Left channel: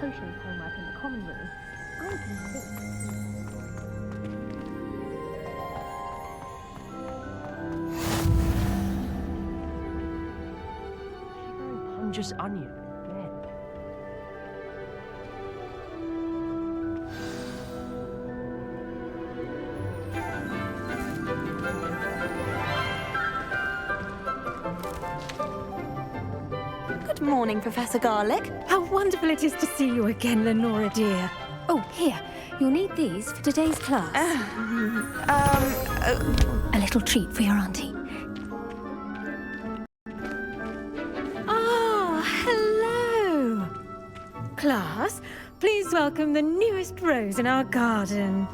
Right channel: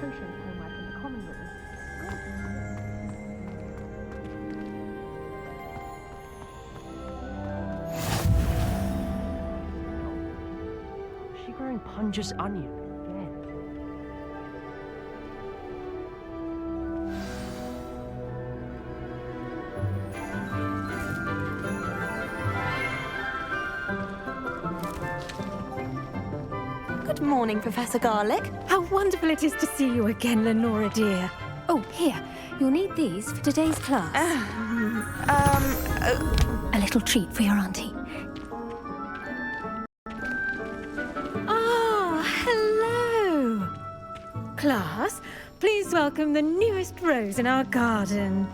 potions homework in the common room, I'm convinced. Is she growing Punja's onion again? Good morning, Professor Garlic. How wonderful it is to see you again, Lenora dear. Oh, here. You'll need these for today's class. A little treat for your auntie. Ah, hello. Class, please welcome the newest rose in our garden.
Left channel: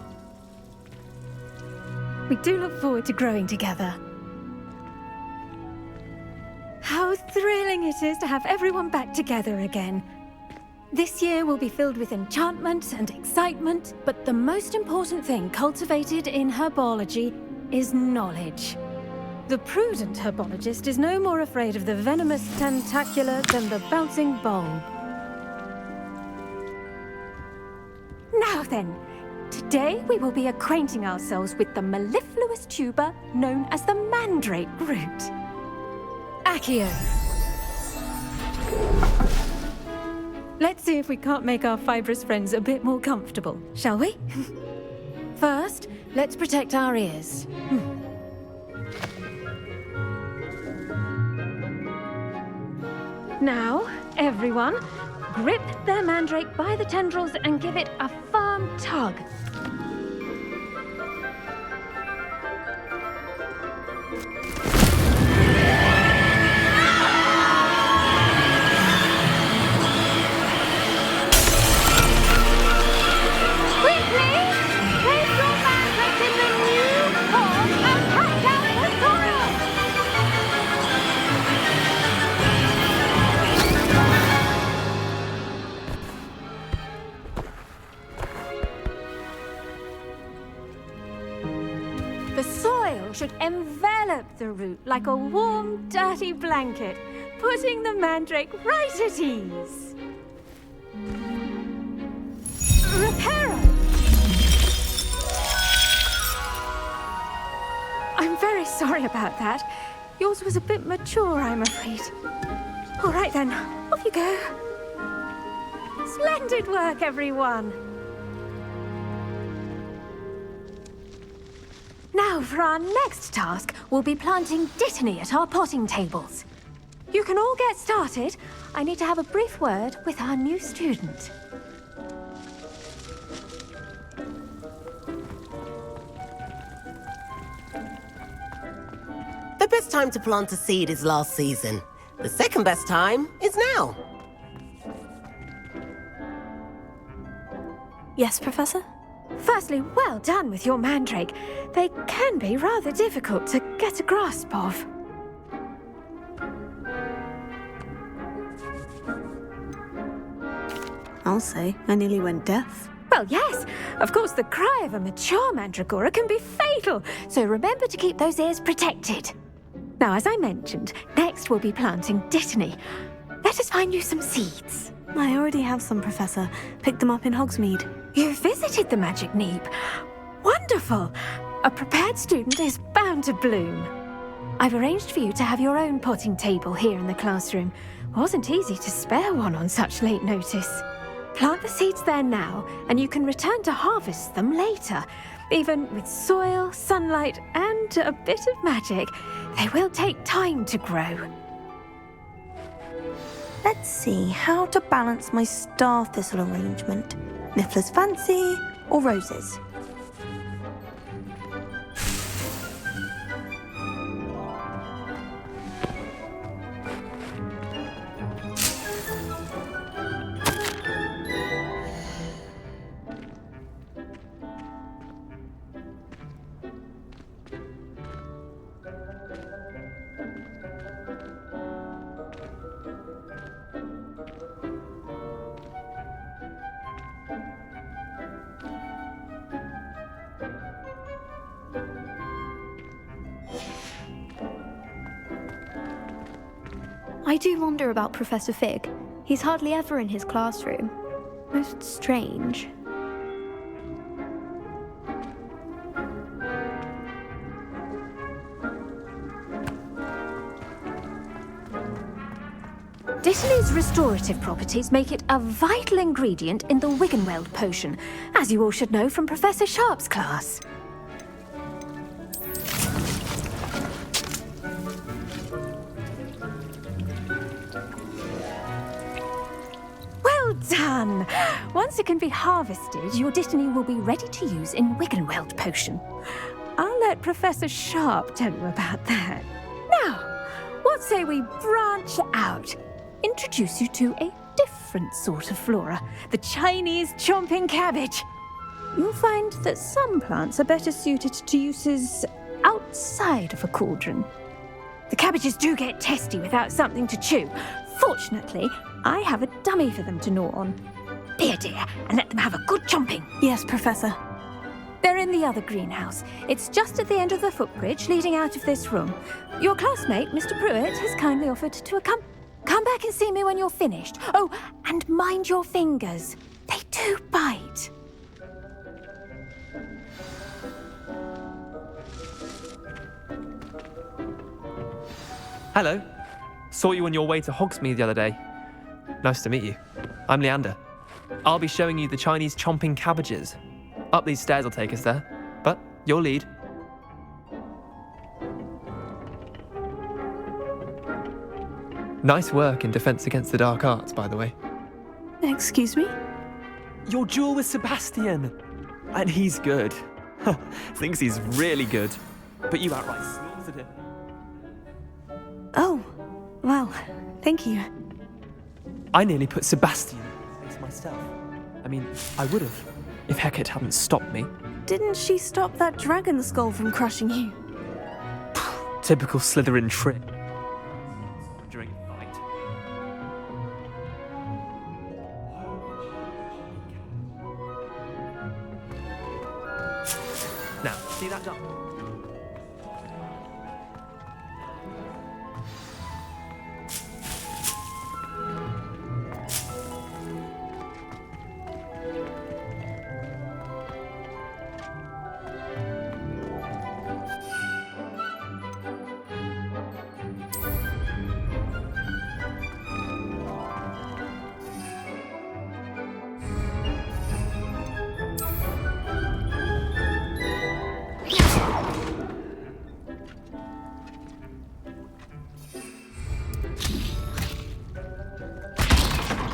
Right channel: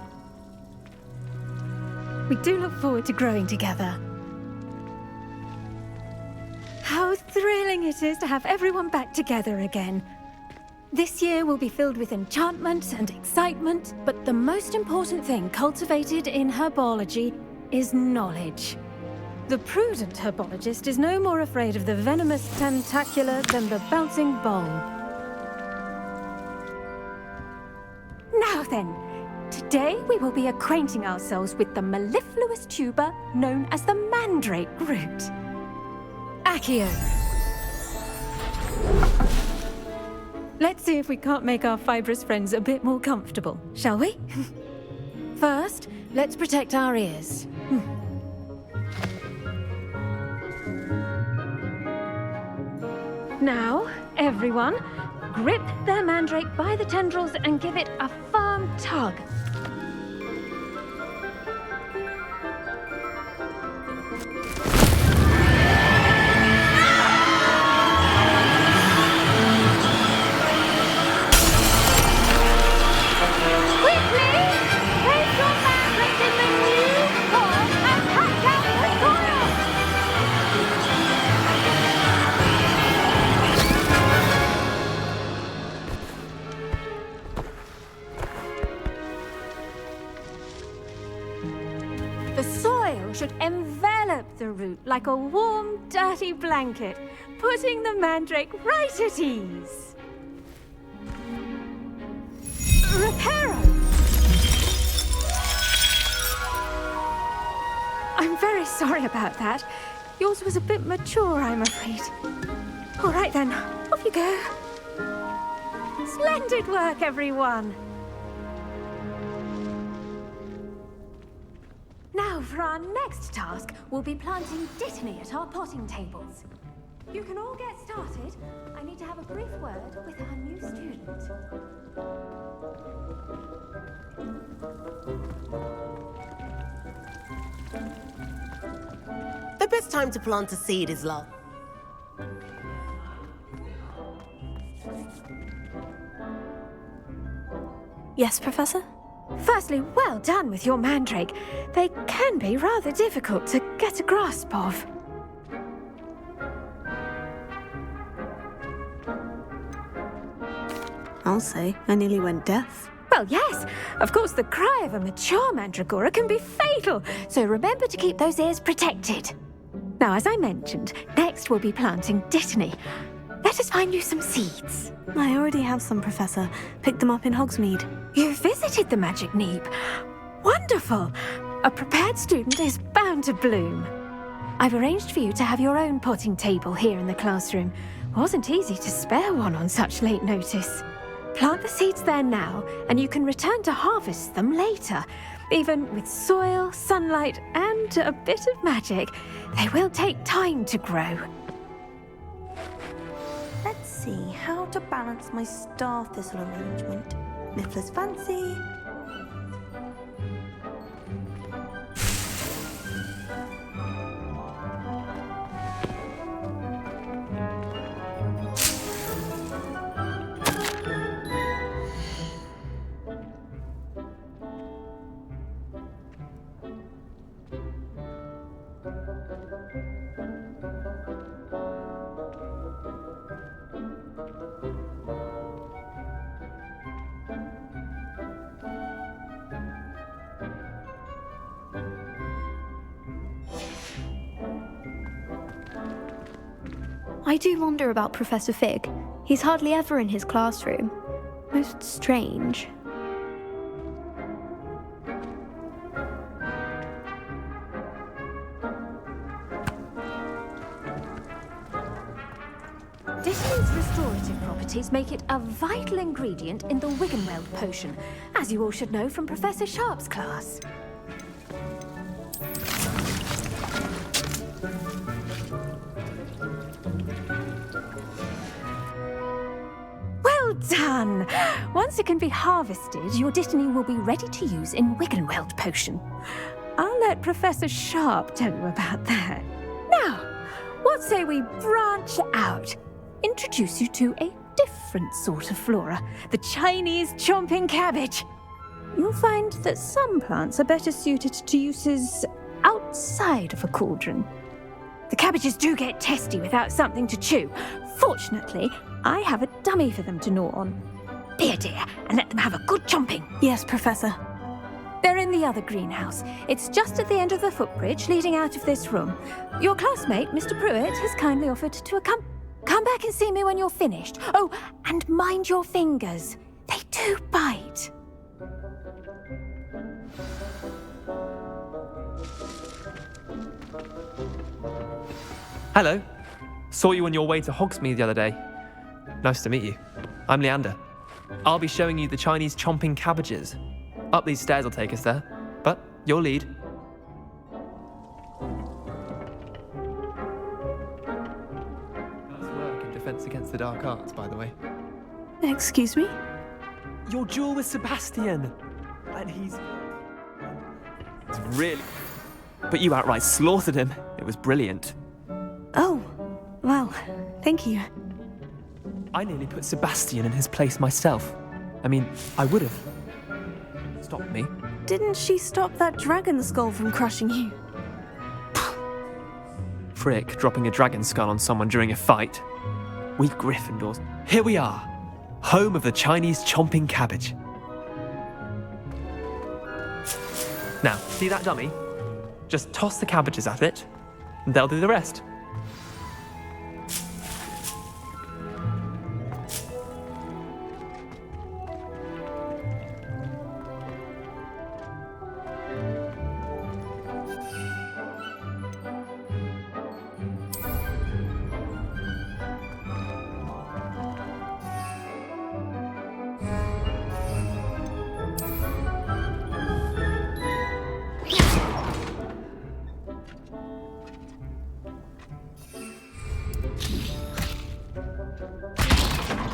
We do look forward to growing together. How thrilling it is to have everyone back together again. This year will be filled with enchantment and excitement, but the most important thing cultivated in herbology is knowledge. The prudent herbologist is no more afraid of the venomous tentacula than the bouncing bulb. Now then, today we will be acquainting ourselves with the mellifluous tuber known as the mandrake root. Accio. Let's see if we can't make our fibrous friends a bit more comfortable, shall we? First, let's protect our ears. Now, everyone, grip their mandrake by the tendrils and give it a firm tug. The soil should envelop the root like a warm, dirty blanket, putting the mandrake right at ease. Reparo! I'm very sorry about that. Yours was a bit mature, I'm afraid. All right then, off you go. Splendid work, everyone! Now, for our next task, we'll be planting dittany at our potting tables. You can all get started. I need to have a brief word with our new student. The best time to plant a seed is last season. The second best time is now. Yes, Professor? Firstly, well done with your mandrake. They can be rather difficult to get a grasp of. I'll say, I nearly went deaf. Well, yes. Of course, the cry of a mature mandragora can be fatal, so remember to keep those ears protected. Now, as I mentioned, next we'll be planting dittany. Let us find you some seeds. I already have some, Professor. Picked them up in Hogsmeade. You visited the Magic Neep. Wonderful! A prepared student is bound to bloom. I've arranged for you to have your own potting table here in the classroom. Wasn't easy to spare one on such late notice. Plant the seeds there now, and you can return to harvest them later. Even with soil, sunlight, and a bit of magic, they will take time to grow. Let's see how to balance my star thistle arrangement. Niffler's fancy or roses? I do wonder about Professor Fig. He's hardly ever in his classroom. Most strange. Dittany's restorative properties make it a vital ingredient in the Wiggenweld potion, as you all should know from Professor Sharp's class. Well done! Once it can be harvested, your Dittany will be ready to use in Wiggenweld potion. I'll let Professor Sharp tell you about that. Now, what say we branch out? Introduce you to a different sort of flora, the Chinese chomping cabbage. You'll find that some plants are better suited to uses outside of a cauldron. The cabbages do get testy without something to chew. Fortunately, I have a dummy for them to gnaw on. Be a dear and let them have a good chomping. Yes, Professor. They're in the other greenhouse. It's just at the end of the footbridge leading out of this room. Your classmate, Mr. Pruitt, has kindly offered to accompany. Come back and see me when you're finished. Oh, and mind your fingers. They do bite. Hello. Saw you on your way to Hogsmeade the other day. Nice to meet you. I'm Leander. I'll be showing you the Chinese chomping cabbages. Up these stairs will take us there, but you'll lead. Nice work in Defense Against the Dark Arts, by the way. Excuse me? Your duel with Sebastian! And he's good. Thinks he's really good. But you outright slaughtered him. It was brilliant. Oh, well, thank you. I nearly put Sebastian in his place myself. I mean, I would have, if Hecate hadn't stopped me. Didn't she stop that dragon skull from crushing you? Typical Slytherin trick, dropping a dragon skull on someone during a fight. We Gryffindors. Here we are, home of the Chinese chomping cabbage. Now, see that dummy? Just toss the cabbages at it, and they'll do the rest.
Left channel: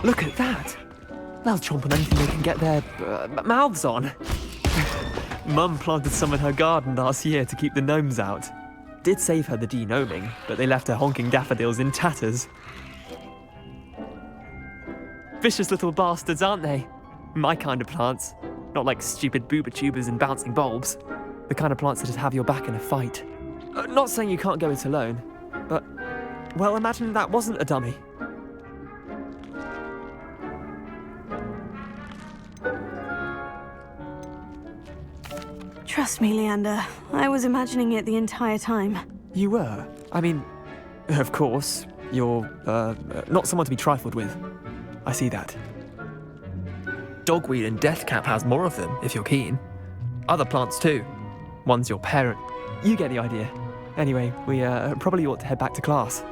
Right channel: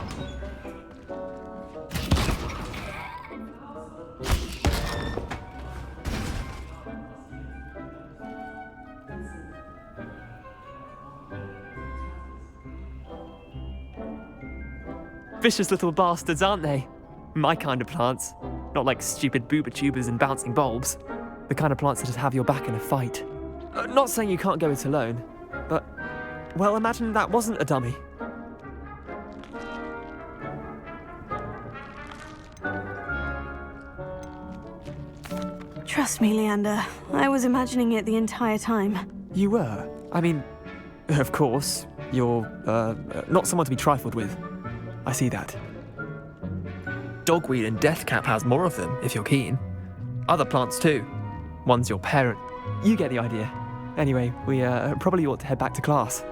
Look at that! They'll chomp on anything they can get their mouths on. Mum planted some in her garden last year to keep the gnomes out. Did save her the de-gnoming, but they left her honking daffodils in tatters. Vicious little bastards, aren't they? My kind of plants. Not like stupid booba tubers and bouncing bulbs. The kind of plants that have your back in a fight. Not saying you can't go it alone, but, well, imagine that wasn't a dummy. Trust me, Leander. I was imagining it the entire time. You were? I mean, of course, you're, not someone to be trifled with. I see that. Dogweed and Deathcap has more of them, if you're keen. Other plants too. One's your parent. You get the idea. Anyway, we probably ought to head back to class.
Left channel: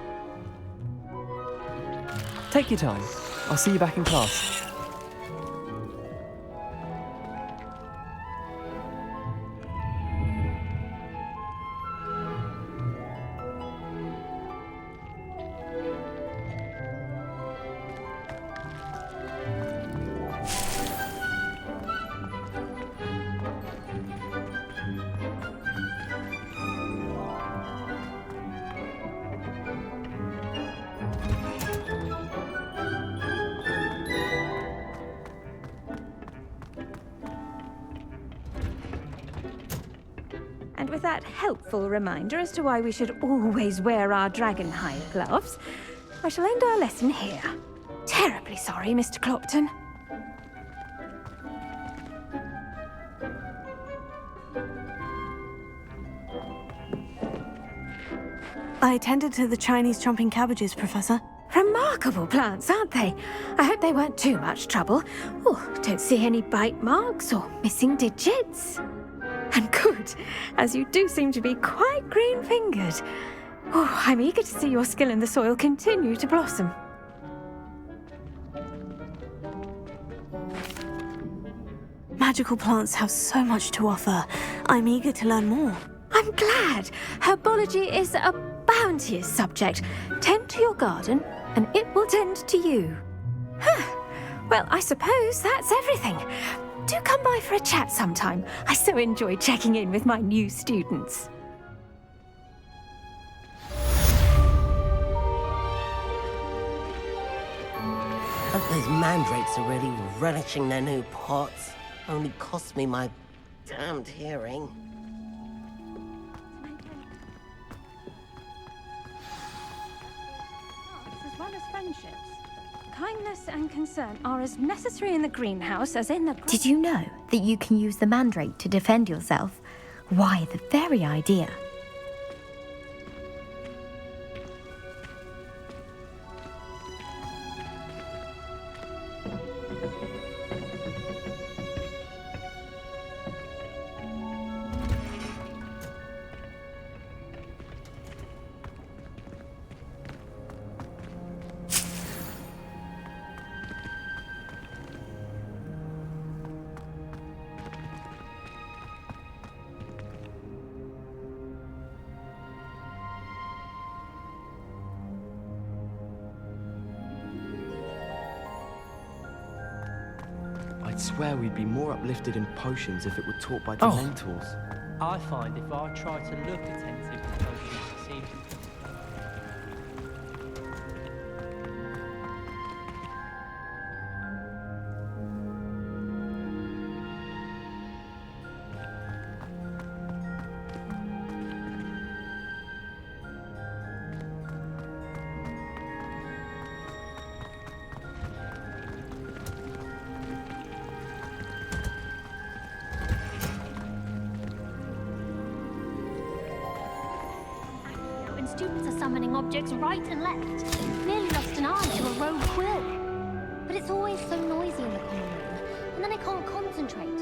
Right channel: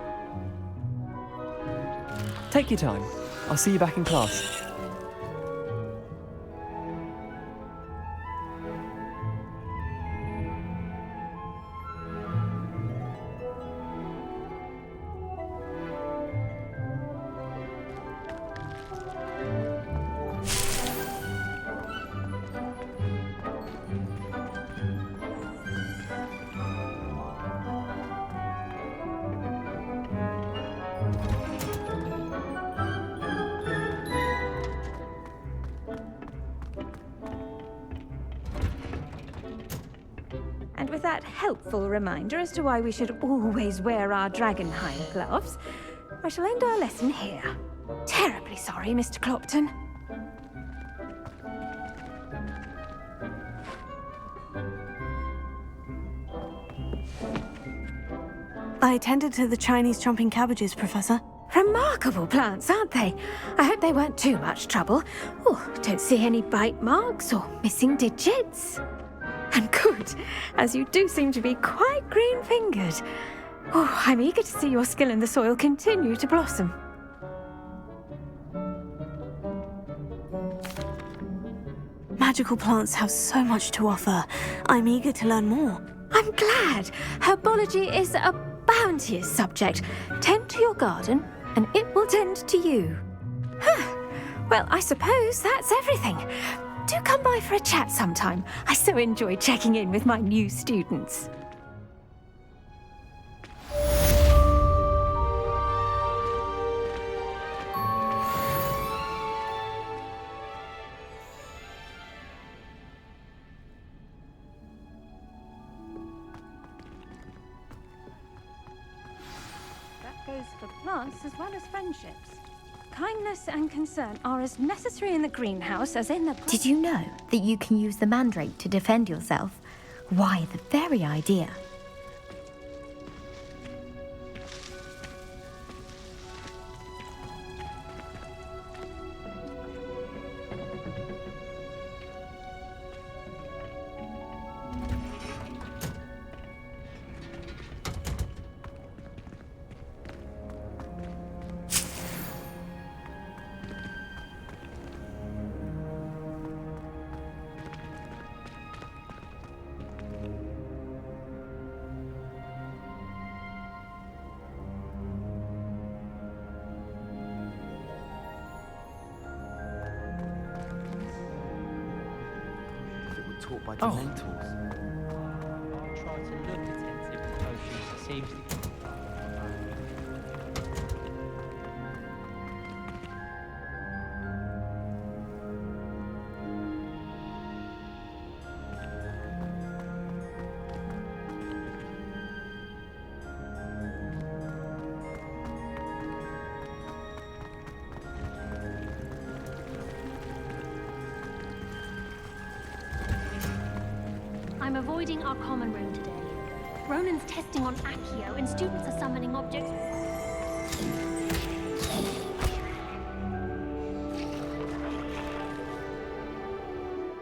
Take your time. I'll see you back in class. And with that helpful reminder as to why we should always wear our dragonhide gloves, I shall end our lesson here. Terribly sorry, Mr. Clopton. I attended to the Chinese chomping cabbages, Professor. Remarkable plants, aren't they? I hope they weren't too much trouble. Oh, don't see any bite marks or missing digits. And good, as you do seem to be quite green-fingered. Oh, I'm eager to see your skill in the soil continue to blossom. Magical plants have so much to offer. I'm eager to learn more. I'm glad. Herbology is a bounteous subject. Tend to your garden, and it will tend to you. Well, I suppose that's everything. Do come by for a chat sometime. I so enjoy checking in with my new students. Hope those mandrakes are really relishing their new pots. Only cost me my damned hearing. That goes for plants as well as friendships. Kindness and concern are as necessary in the greenhouse as in the... Did you know that you can use the mandrake to defend yourself? Why, the very idea. I'd swear we'd be more uplifted in potions if it were taught by Oh. Dementors. I find if I try to look attentive to potions, it seems... I'm avoiding our common room today. Ronan's testing on Accio, and students are summoning objects right and left. Nearly lost an eye to a rogue quill. But it's always so noisy in the common room, and then I can't concentrate.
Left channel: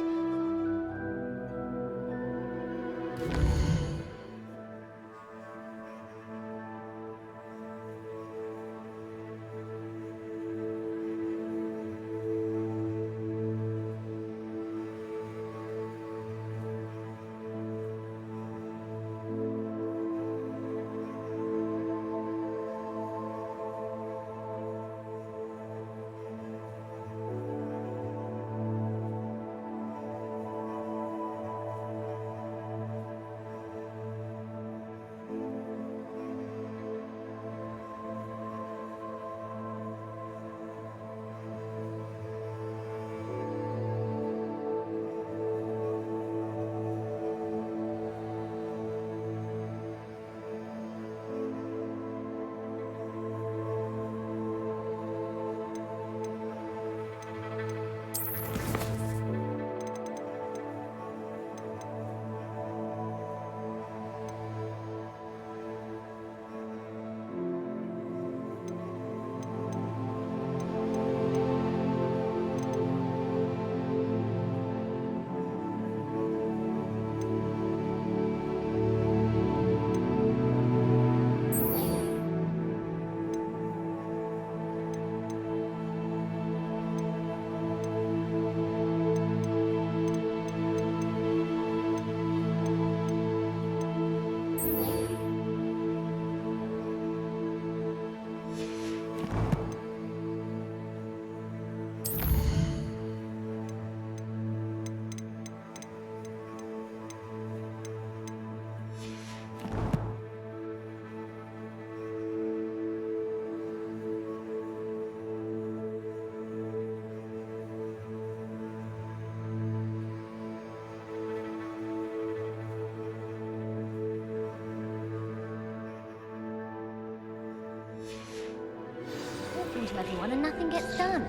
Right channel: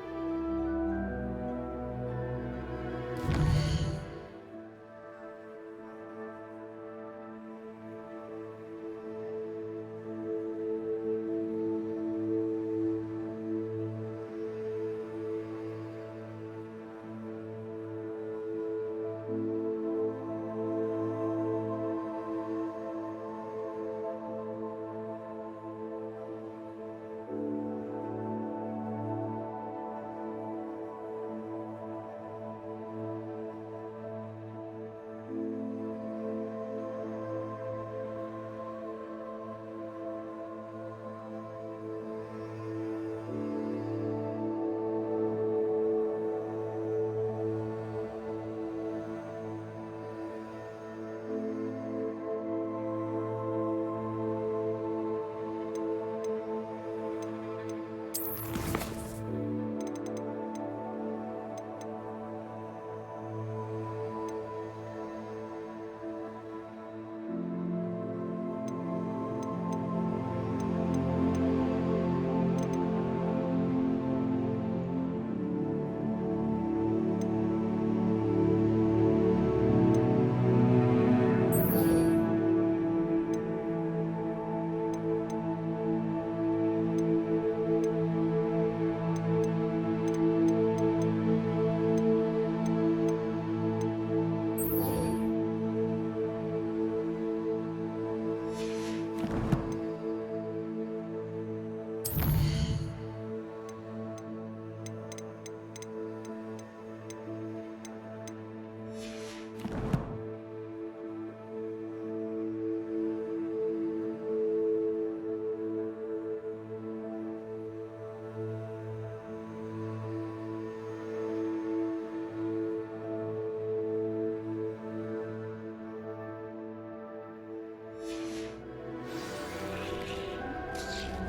To everyone and nothing gets done.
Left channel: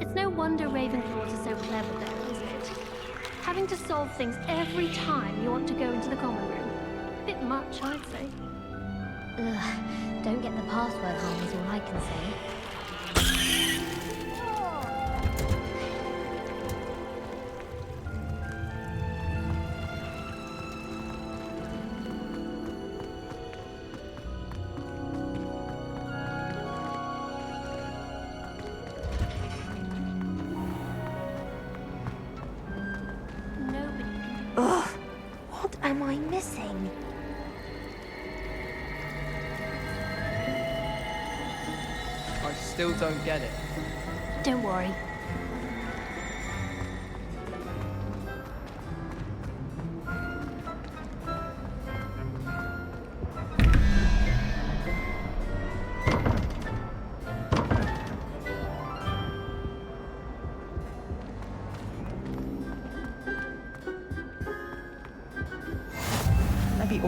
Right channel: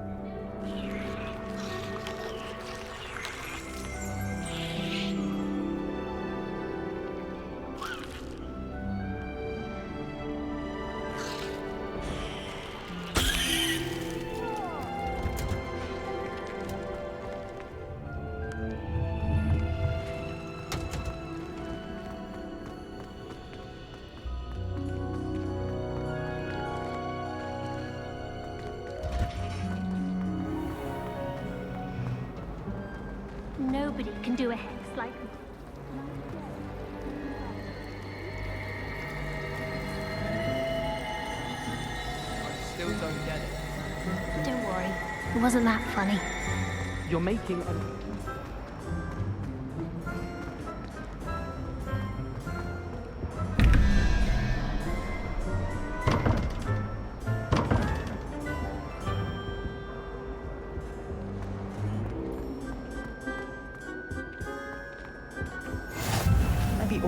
It's no wonder Ravenclaws are so clever at it. Having to solve things every time you want to go into the common room. A bit much, I'd say. Ugh, don't get the password wrong is all I can say. nobody can do it like... What am I missing? I still don't get it. Don't worry, it wasn't that funny. You're making a... Maybe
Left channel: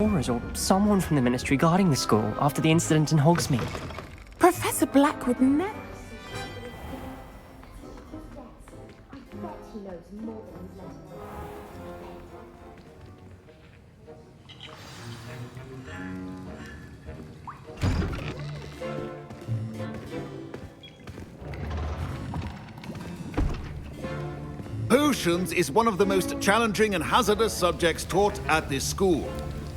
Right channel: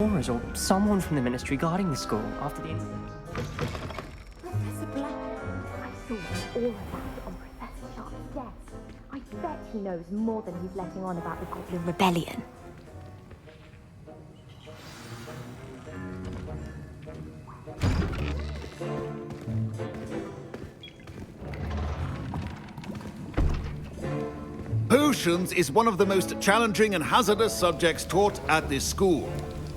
Aura's or someone from the Ministry guarding the school after the incident in Hogsmeade. Professor Black would never. I bet he knows more than he's letting on about the Goblin Rebellion. Potions is one of the most challenging and hazardous subjects taught at this school.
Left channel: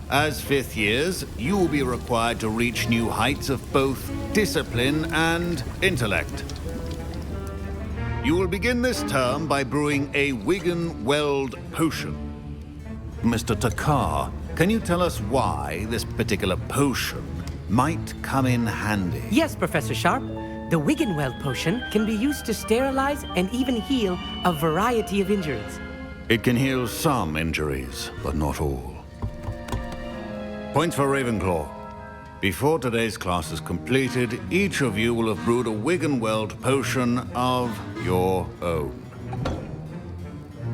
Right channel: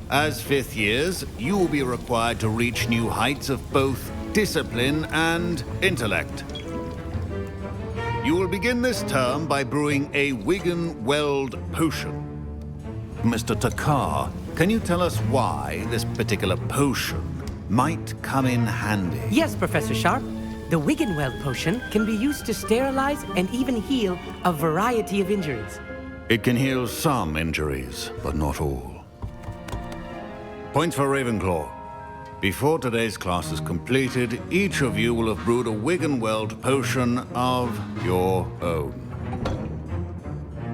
As fifth years, you will be required to reach new heights of both discipline and intellect. You will begin this term by brewing a Wigan Weld potion. Mr. Takar, can you tell us why this particular potion might come in handy? Yes, Professor Sharp. The Wiggenweld potion can be used to sterilize and even heal a variety of injuries. It can heal some injuries, but not all. Points for Ravenclaw. Before today's class is completed, each of you will have brewed a Wiggenweld potion of your own.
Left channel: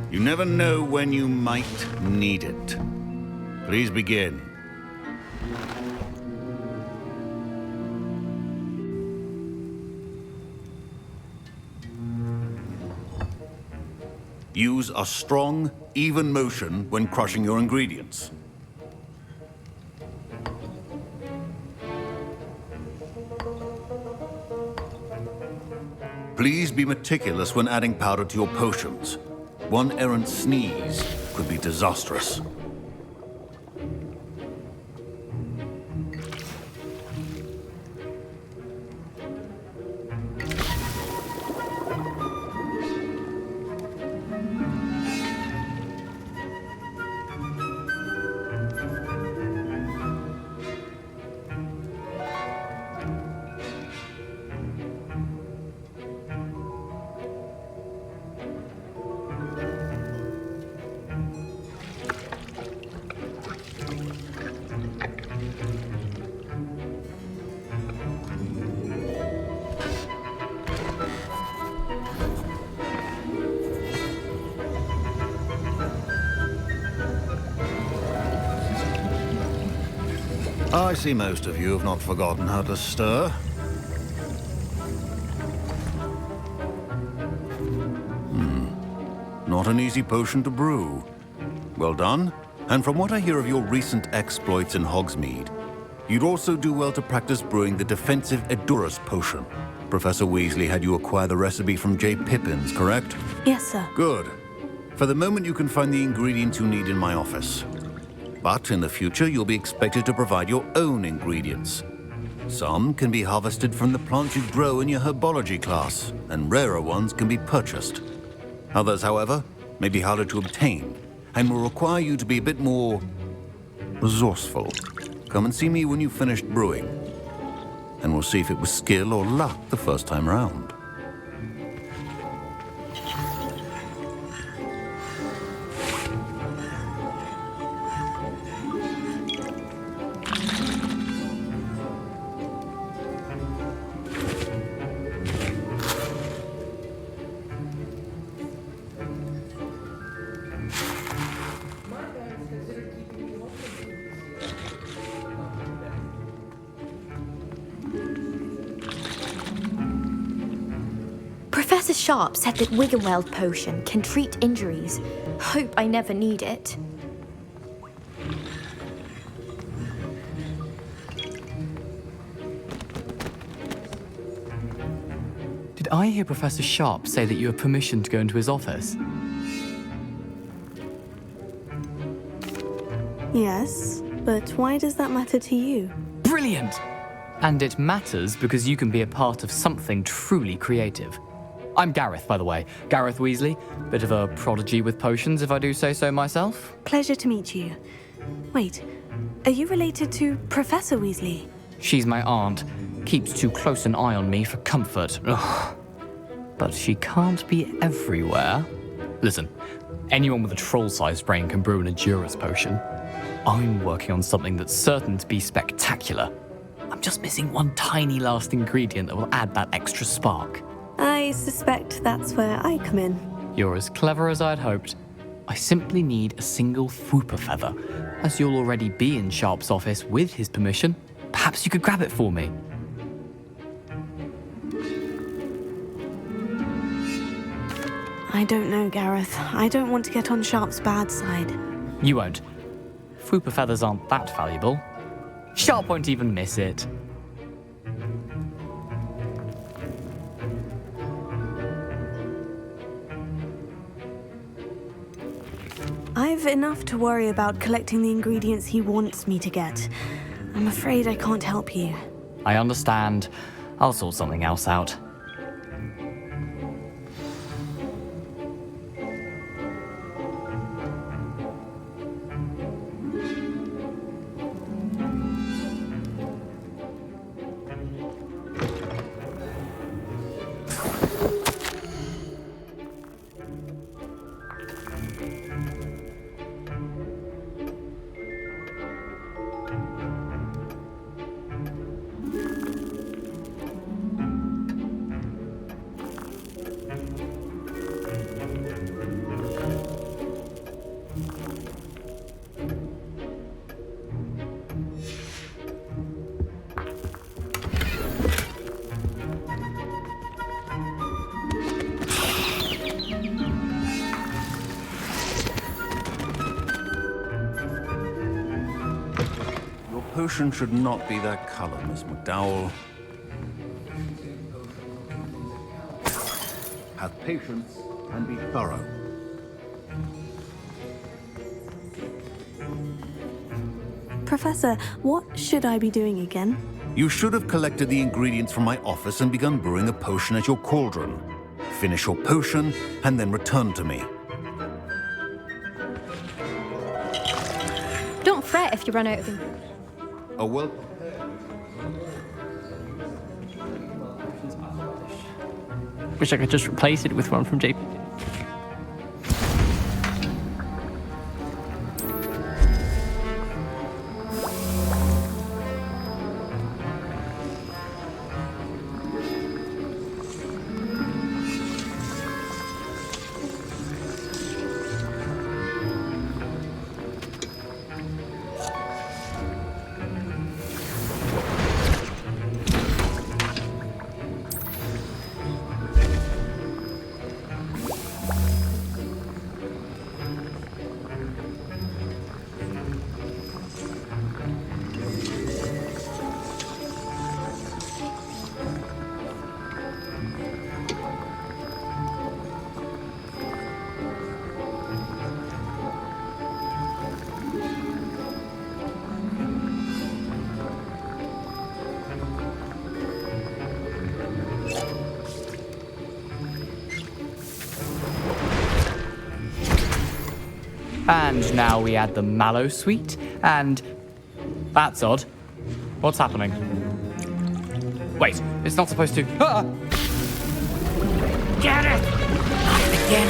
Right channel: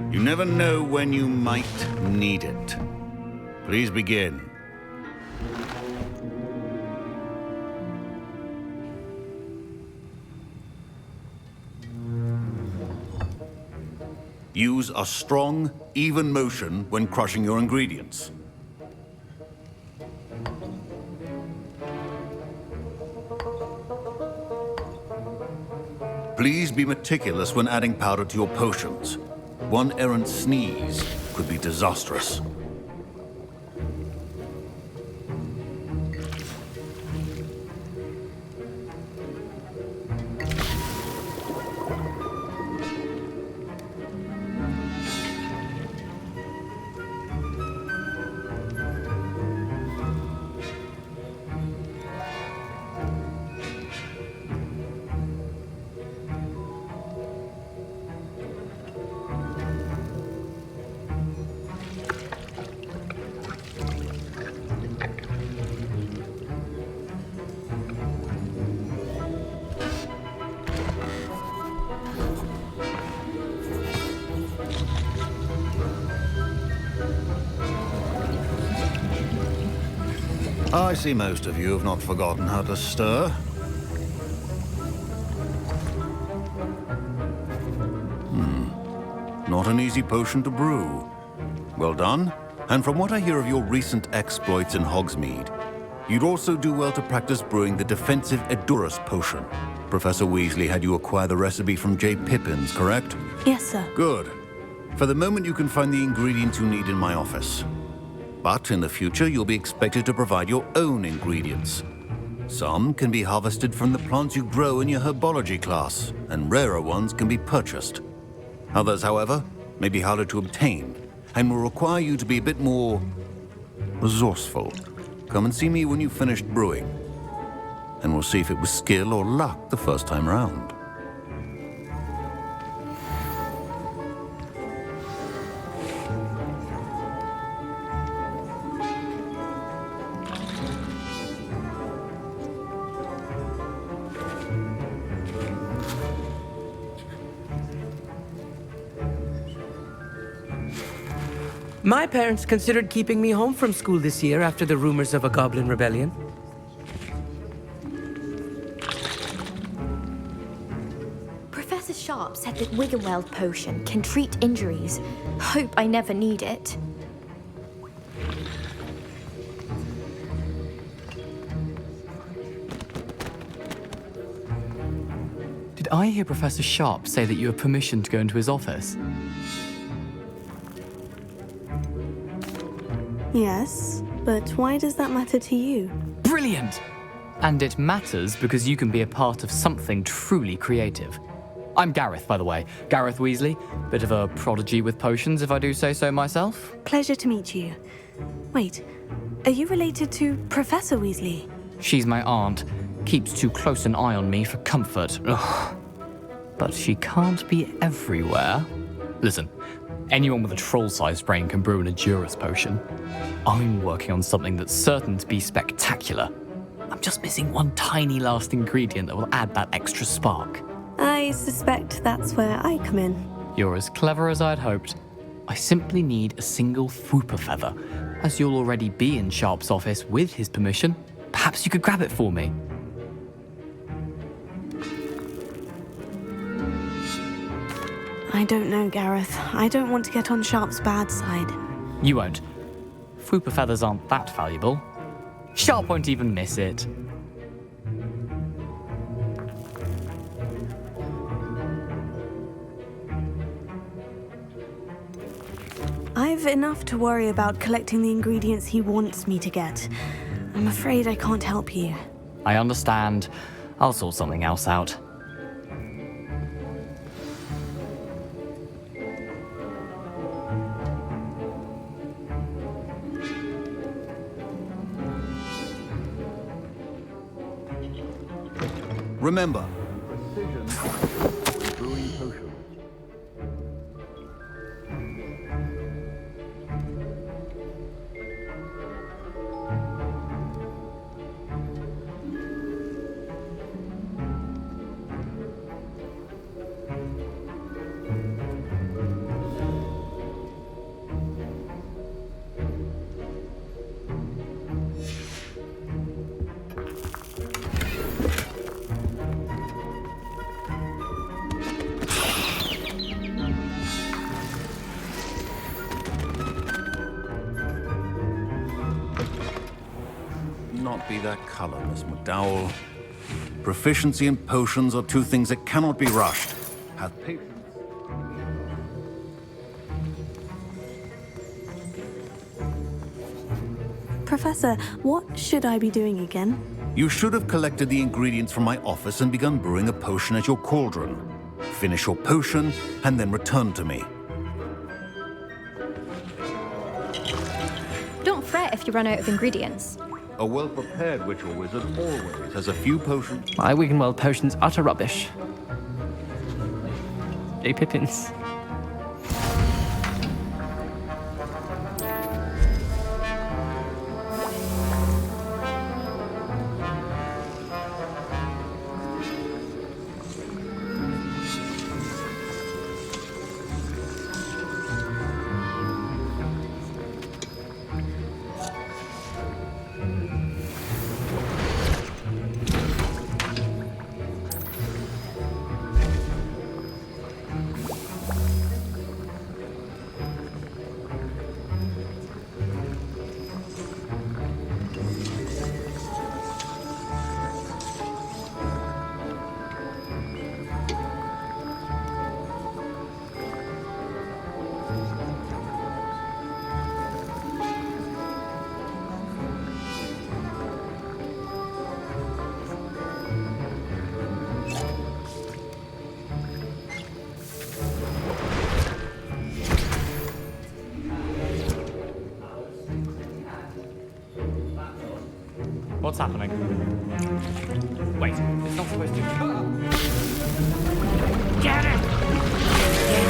You never know when you might need it. Please begin. Use a strong, even motion when crushing your ingredients. Please be meticulous when adding powder to your potions. One errant sneeze could be disastrous. I see most of you have not forgotten how to stir. Not an easy potion to brew. Well done. And from what I hear of your recent exploits in Hogsmeade, you'd also do well to practice brewing the defensive Edurus potion. Professor Weasley had you acquire the recipe from J. Pippins, correct? Yes, sir. Good. For the moment, you can find the ingredients you need in my office. But in the future, you'll be expected to provide your own ingredients. Some can be harvested from the plants you grow in your herbology class, and rarer ones can be purchased. Others, however, may be harder to obtain, and will require you to be a bit more resourceful. Come and see me when you've finished brewing, and we'll see if it was skill or luck the first time round. My parents considered keeping me home from school this year after the rumors of a Goblin Rebellion. Professor Sharp said that Wiggenweld potion can treat injuries. Hope I never need it. Did I hear Professor Sharp say that you have permission to go into his office? Yes, but why does that matter to you? Brilliant! And it matters because you can be a part of something truly creative. I'm Gareth, by the way. Gareth Weasley. Bit of a prodigy with potions, if I do say so myself. Pleasure to meet you. Wait, are you related to Professor Weasley? She's my aunt. Keeps too close an eye on me for comfort. Ugh. But she can't be everywhere. Listen, anyone with a troll-sized brain can brew an Endurus potion. I'm working on something that's certain to be spectacular. I'm just missing one tiny last ingredient that will add that extra spark. I suspect that's where I come in. You're as clever as I'd hoped. I simply need a single Fwooper feather. As you'll already be in Sharp's office with his permission, perhaps you could grab it for me. I don't know, Gareth. I don't want to get on Sharp's bad side. You won't. Fwooper feathers aren't that valuable. Sharp won't even miss it. I've enough to worry about collecting the ingredients he wants me to get. I'm afraid I can't help you. I understand. I'll sort something else out. Remember, potion should not be that color, Miss McDowell. Proficiency in potions are two things that cannot be rushed. Have patience and be thorough. Professor, what should I be doing again? You should have collected the ingredients from my office and begun brewing a potion at your cauldron. Finish your potion and then return to me. Don't fret if you run out of ingredients. A well-prepared witch or wizard always has a few potions. My Wiggenweld potion's utter rubbish. Wish I could just replace it with one from J. Pippin's. And now we add the mallow sweet, and... That's odd. What's happening? Wait, it's not supposed to... Ah! Get it! Again.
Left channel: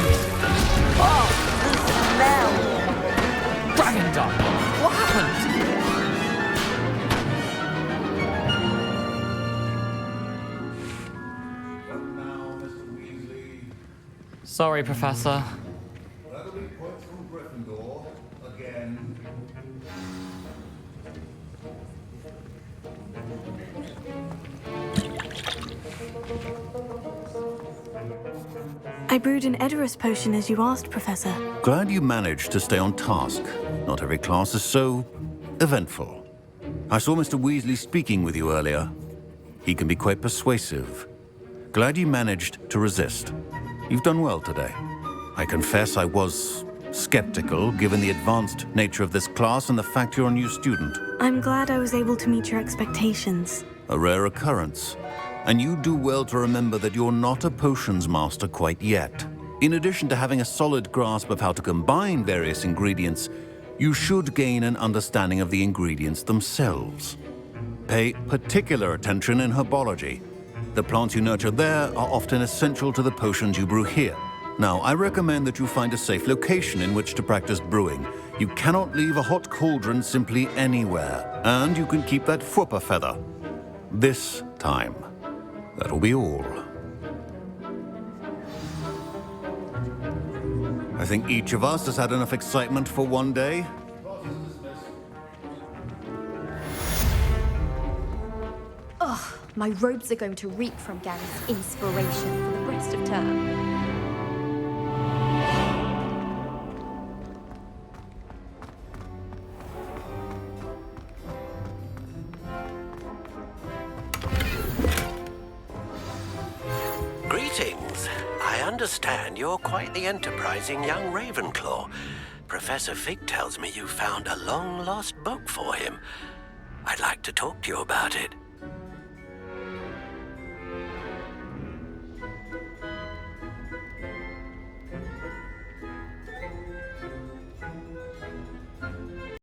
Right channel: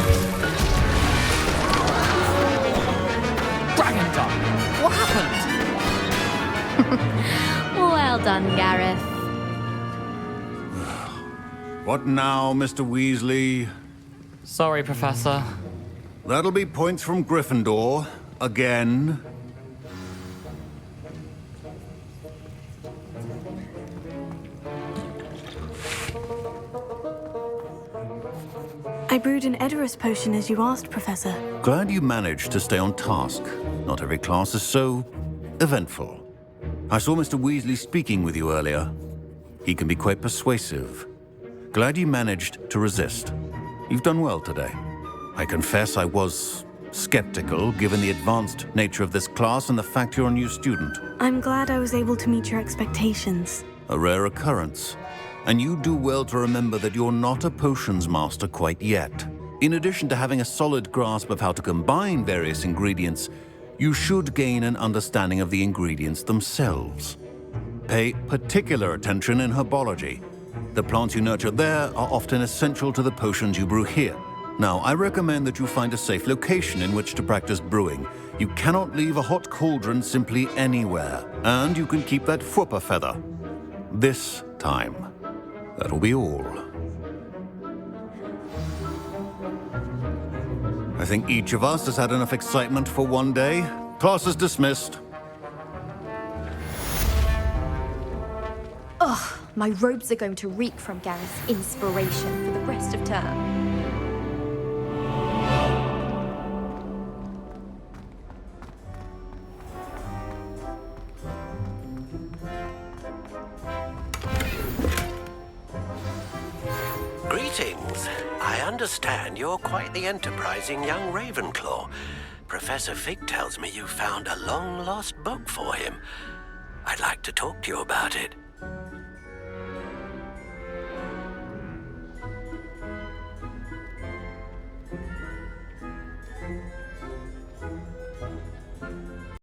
Dragon Dung! What happened? Well done, Gareth. What now, Mr. Weasley? Sorry, Professor. That'll be points from Gryffindor. Again. I brewed an Edorus potion as you asked, Professor. Glad you managed to stay on task. Not every class is so eventful. I saw Mr. Weasley speaking with you earlier. He can be quite persuasive. Glad you managed to resist. You've done well today. I confess I was skeptical, given the advanced nature of this class and the fact you're a new student. I'm glad I was able to meet your expectations. A rare occurrence. And you do well to remember that you're not a potions master quite yet. In addition to having a solid grasp of how to combine various ingredients, you should gain an understanding of the ingredients themselves. Pay particular attention in herbology. The plants you nurture there are often essential to the potions you brew here. Now, I recommend that you find a safe location in which to practice brewing. You cannot leave a hot cauldron simply anywhere, and you can keep that Fwooper feather. This time. That'll be all. I think each of us has had enough excitement for one day. Class is dismissed. Ugh, my robes are going to reek from Gareth's inspiration for the rest of term. Greetings. I understand you're quite the enterprising young Ravenclaw. Professor Fig tells me you found a long-lost book for him. I'd like to talk to you about it.